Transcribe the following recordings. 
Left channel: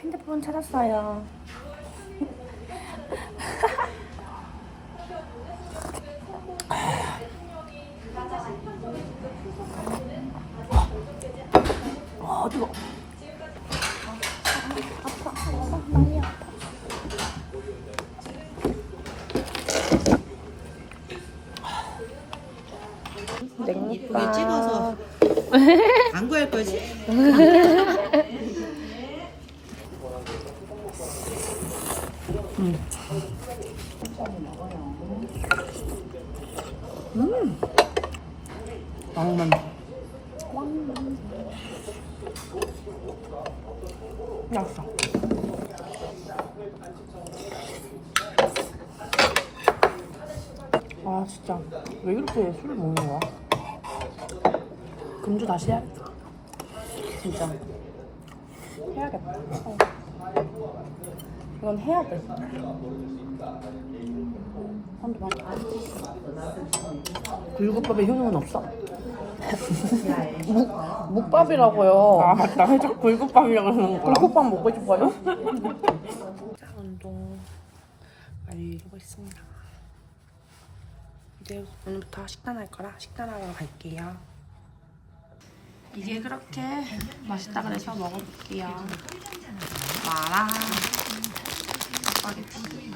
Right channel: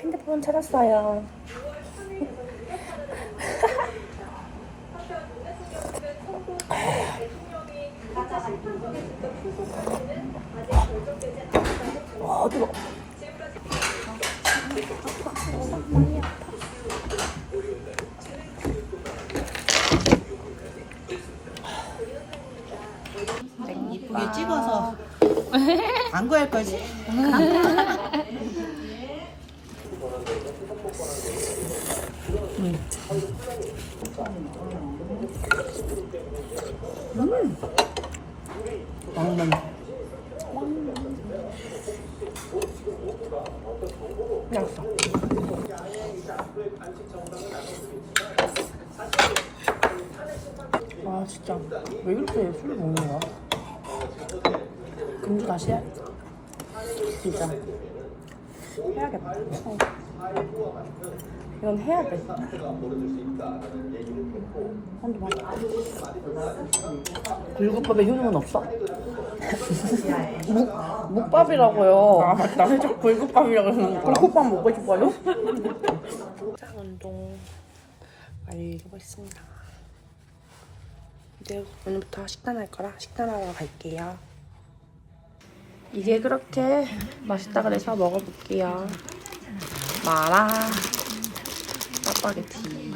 핸드폰 찾았어요. 아, 뜨거. 이쁘게 찍어서 광고할 거지? 왕만. 나왔어. 아 진짜 왜 이렇게 술 먹는 거야? 금주 다시 해? 진짜 해야겠다. 이건 해야 돼. 굴국밥에 효능은 없어? 묵밥이라고요. 아 맞다 살짝 굴국밥이라고 그러는구나 묵밥 먹고 싶어요? 자, 운동 완료했습니다. 이제 오늘부터 식단할 거라 식단하러 갈게요. 이게 그렇게 맛있다 그래서 먹어볼게요. 마라 짜파게티.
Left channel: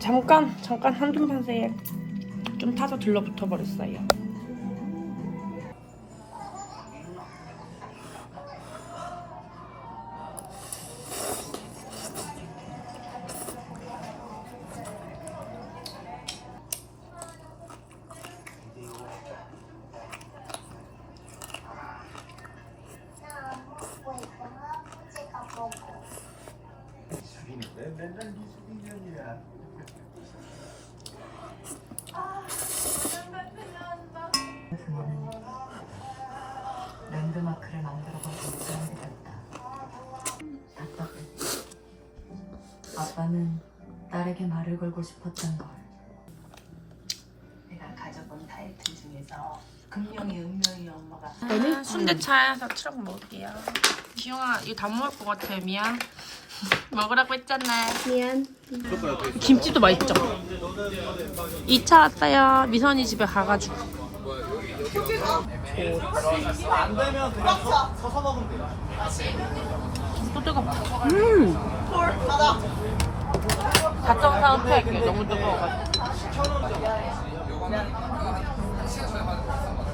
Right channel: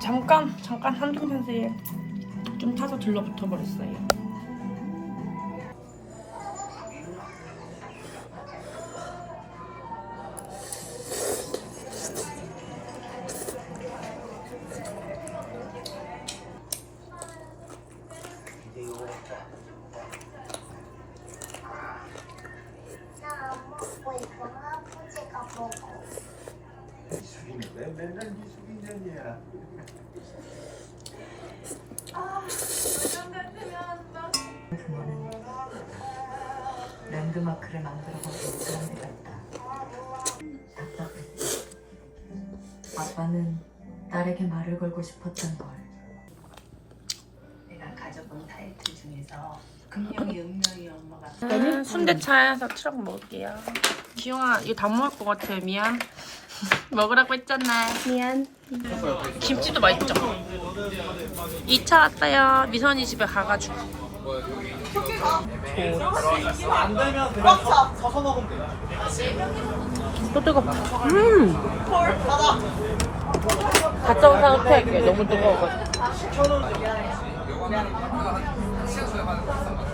잠깐 잠깐 한줌판 사이에 좀 타서 들러붙어 버렸어요. 랜드마크를 만들어가고 있는 사람들 같다. 아빠는 딸에게 말을 걸고 싶었던 걸. 내가 가져본 타이틀 중에서 금명이 은명이 엄마가 아, 순대차에서 트럭 먹을게요. 지용아 이거 다 먹을 것 같아 미안. 먹으라고 했잖아. 미안. 김치도 맛있죠. 2차 왔어요. 미선이 집에 가가지고. 또 뜨거. 음. 가짜 영상 흡수할게요. 너무 뜨거워가지고.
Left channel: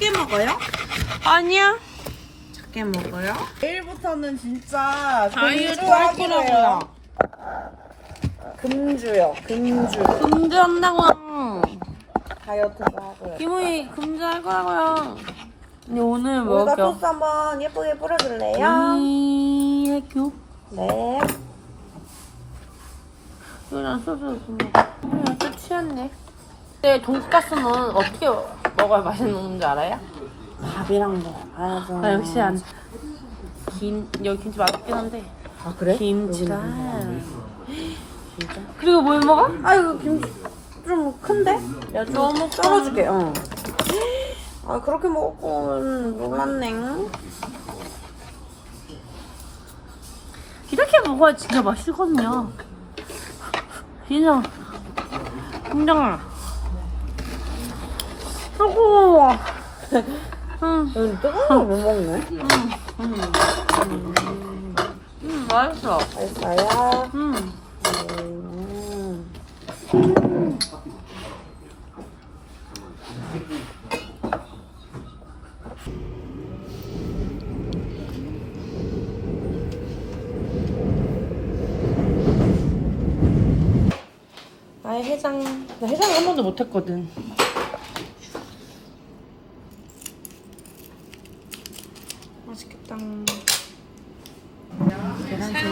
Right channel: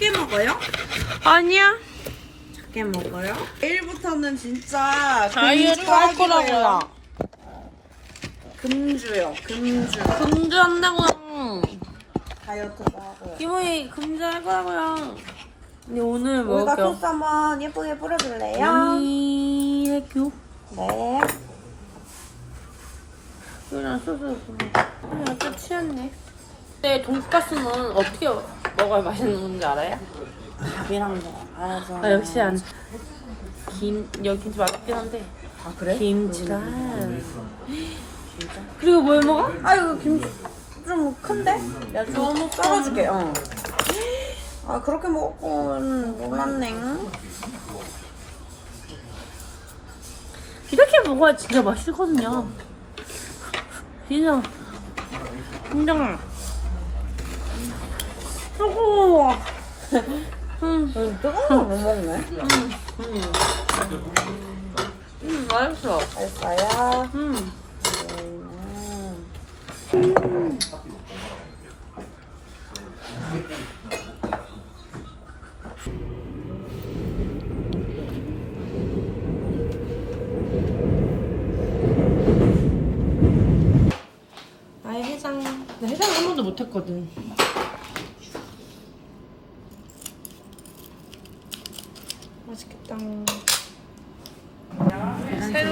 크게 먹어요? 아니야. 작게 먹어요? 내일부터는 진짜 다이어트 할 거라고요. 금주요. 금주. 금주 한다고요. 다이어트도 하고요. 기분이 금주 할 거라고요. 근데 오늘 여기다 먹여. 소스 한번 예쁘게 뿌려줄래요? 이 해교. 네. 이거랑 소스 좀 먹어. 우리 어째 취했네. 근데 돈가스는 어떻게 먹어야 맛있는 건지 알아요? 밥이랑 먹어야죠. 아 역시 안. 김 여기 김치 맛있긴 한데 아, 그래? 김치랑 그리고 뭘 먹어? 아이고 김치 좀 큰데? 야, 좀 너무 썰어줄게. 응. 아 그렇게 먹고는 못 맞네. 이렇게 먹어야 진짜 맛있거든요. 진짜 뜨 거워. 응, 응, 뜨거운 거못 먹네. 응, 응, 맛있어. 됐어요. 응. 나의 해장, 나 해장을 한 번도 못 했거든. 맛있겠다.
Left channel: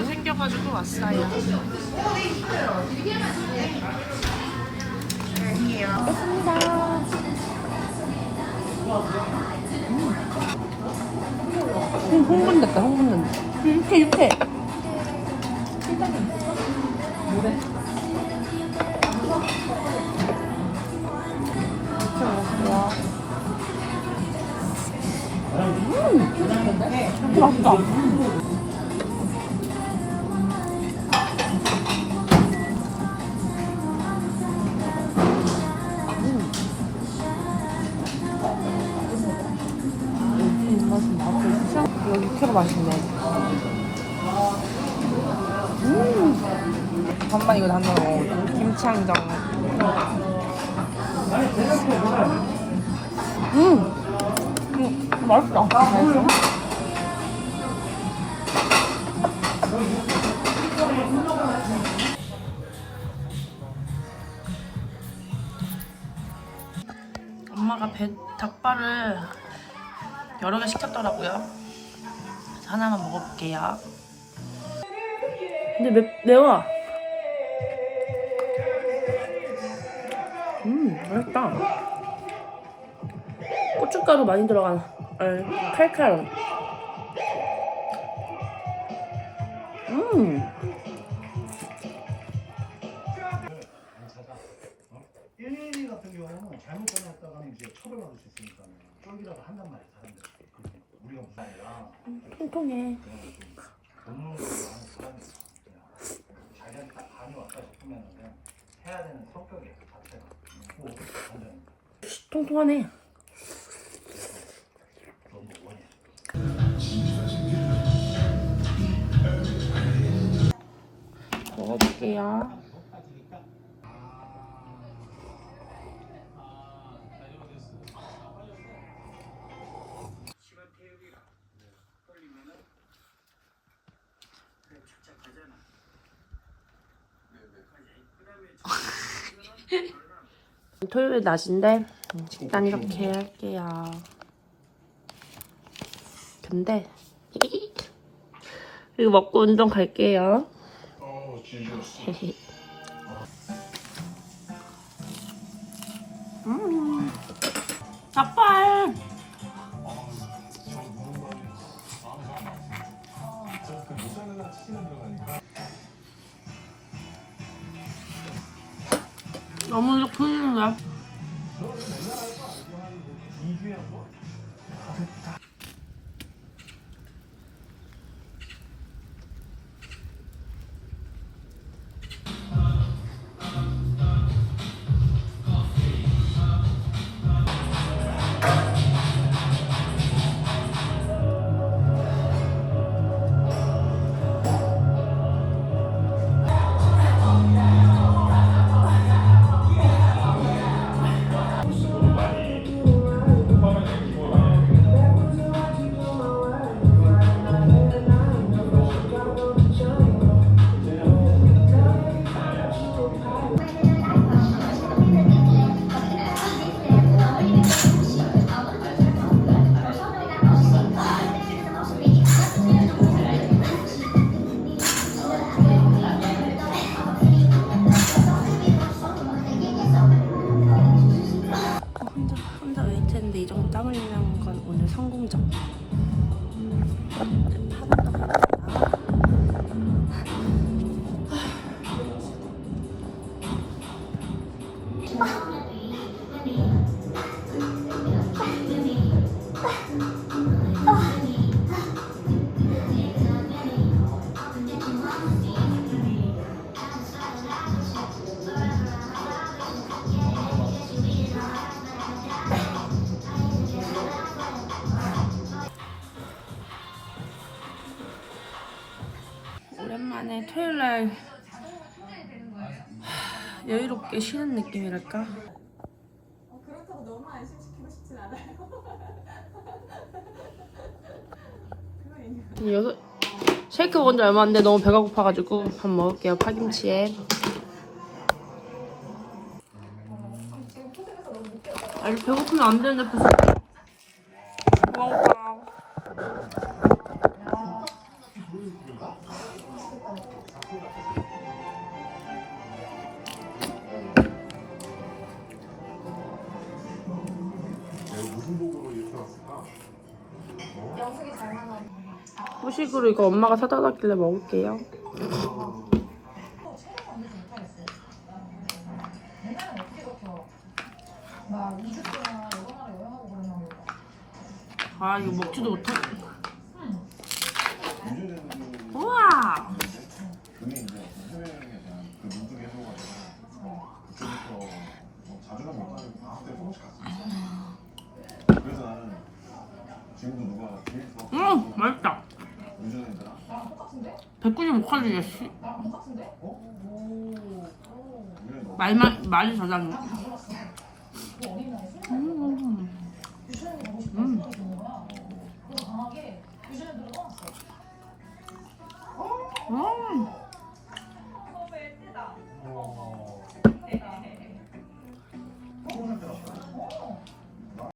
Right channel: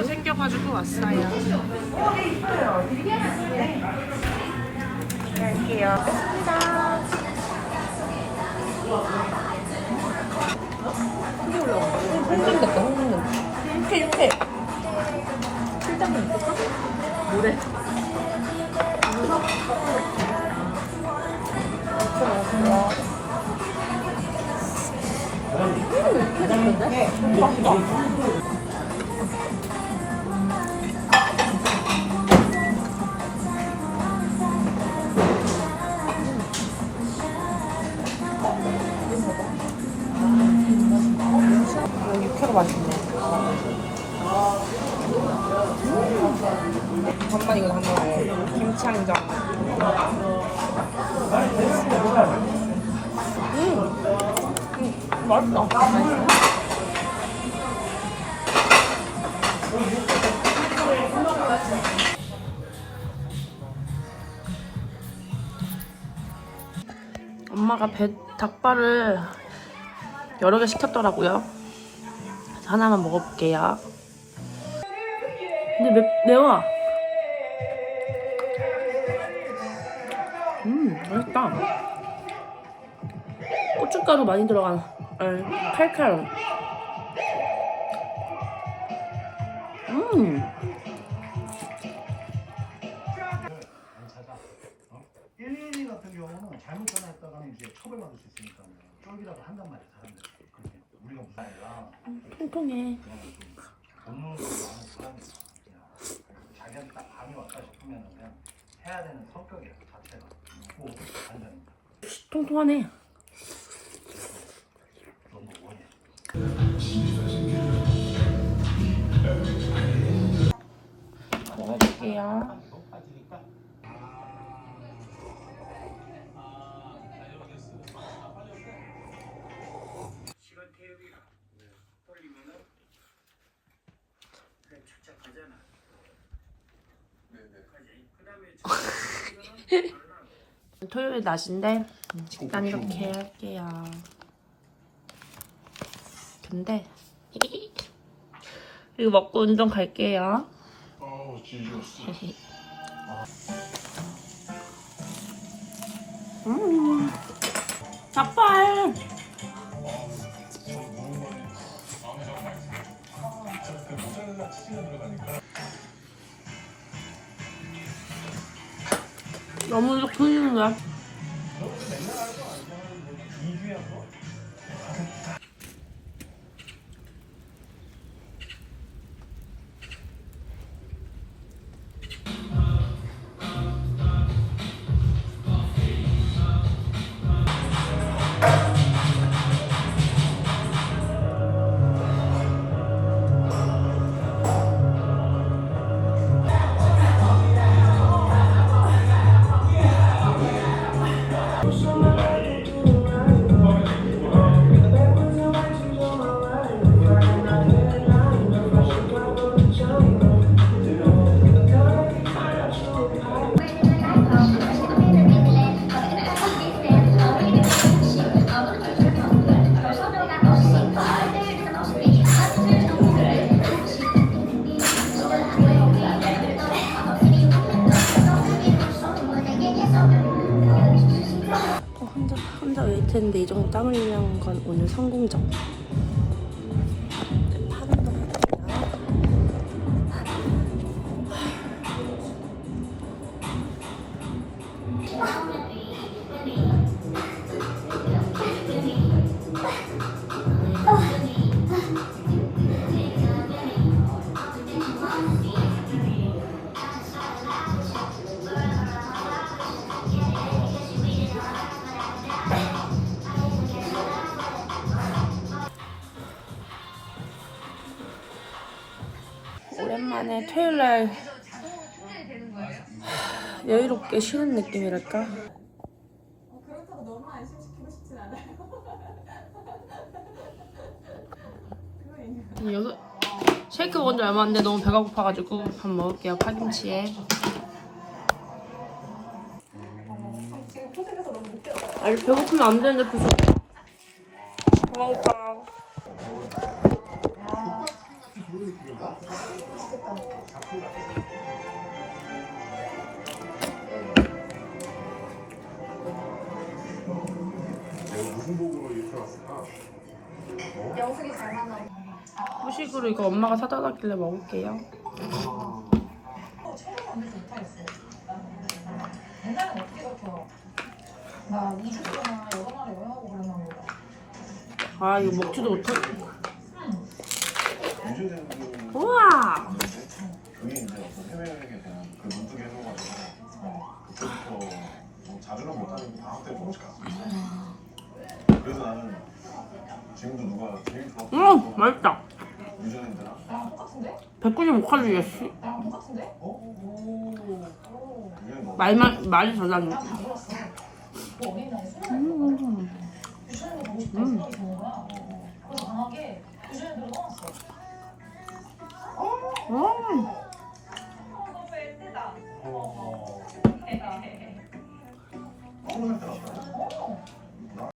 시켜가지고 왔어요. 갈게요. 뺐습니다. 홍분 냈다, 홍분 냈다. 이렇게, 이렇게. 이렇게 먹을게요. 음, 맛있다. 육회가 맛있네. 음. 잠깐만 이거 한번 먹어. 김치항정. 음. 음, 맛있다. 엄마가 배 닭발을 여러 개 시켰더라고요. 하나만 먹어볼게요. 근데 매, 매워. 음, 맛있다. 고춧가루 많이 들어간, 아, 칼칼. 음. 일일이 같은 경우는 잘못 전화했다가는 이제 처벌받을 수 있으니까 쫄기라도 한단 말이야 사람들 그렇게 우리가 무슨 아니라 통통해. 사람이 그냥 자기한테 딱 감이 왔다 싶으면 그냥 해야 되는 성격이야 그 자체가 뭐 통통하네. 토요일 낮인데 식단 이렇게 할게요. 근데 이거 먹고 운동 갈게요. 음, 닭발. 너무 좋군요. 땀 흘리는 건 오늘 성공적. 오랜만에 토요일 날 여유롭게 쉬는 느낌이랄까? 그렇다고 너무 안심시키고 싶진 않아요. 여기 쉐이크 먹은 지 얼마 안 돼 너무 배가 고파가지고 밥 먹을게요 파김치에 아니 배고프면 안 되는데 벌써 후식으로 이거 엄마가 사다 놨길래 먹을게요. 아 이거 먹지도 못하. 우와. 더음 맛있다. 유전인들아 195칼로리야 씨. 말만 말이 저장해.